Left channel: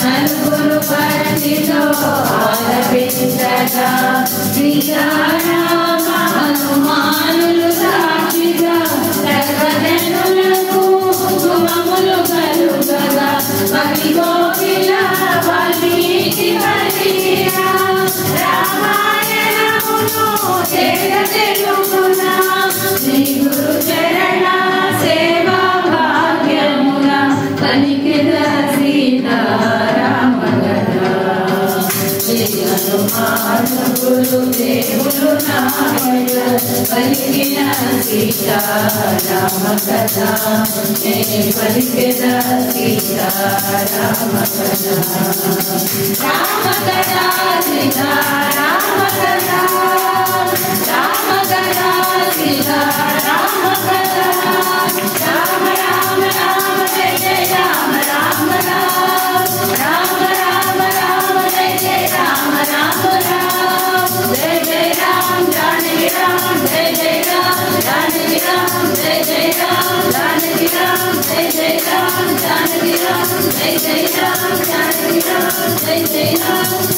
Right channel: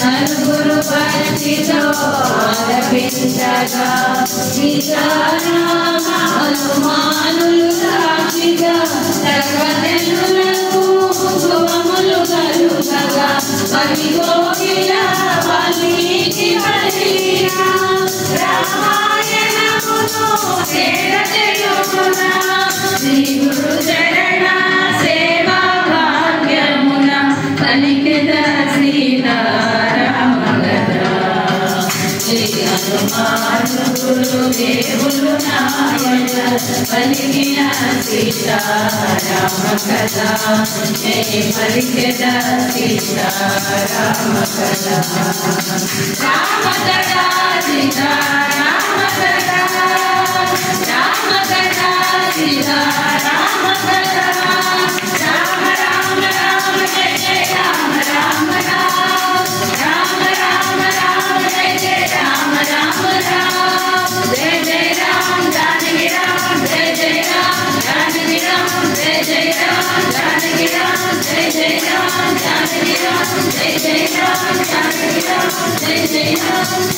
నలుగురు భక్తితో ఆలపించగా హనుమానులు సాక్షిగా సర్వజనులకు శుభములు కలుగగా భక్తి కోకిల వాల్మీకి పలికిన రామాయణమును తెలుగున శ్రీ గురు చరణ సేవా భాగ్యమున పలికిన సీతారామ కథ. శ్రీ హనుమానులు దేవులు నాయన పలికిన సీతారామ కథ. పలికిన సీతారామ కథ. రామ కథ సీతారామ కథ. రామ కథ సీతారామ కథ. రామ రామ రామ జయ జయ రామ రామ రామ. రామ రామ రామ జయ జయ రామ రామ రామ. జయ జయ రామ జానకి రామ జయ జయ రామ జానకి రామ జయ జయ రామ జానకి రామ జయ జయ రామ జానకి రామ జయ జయ రామ జానకి రామ జయ జయ రామ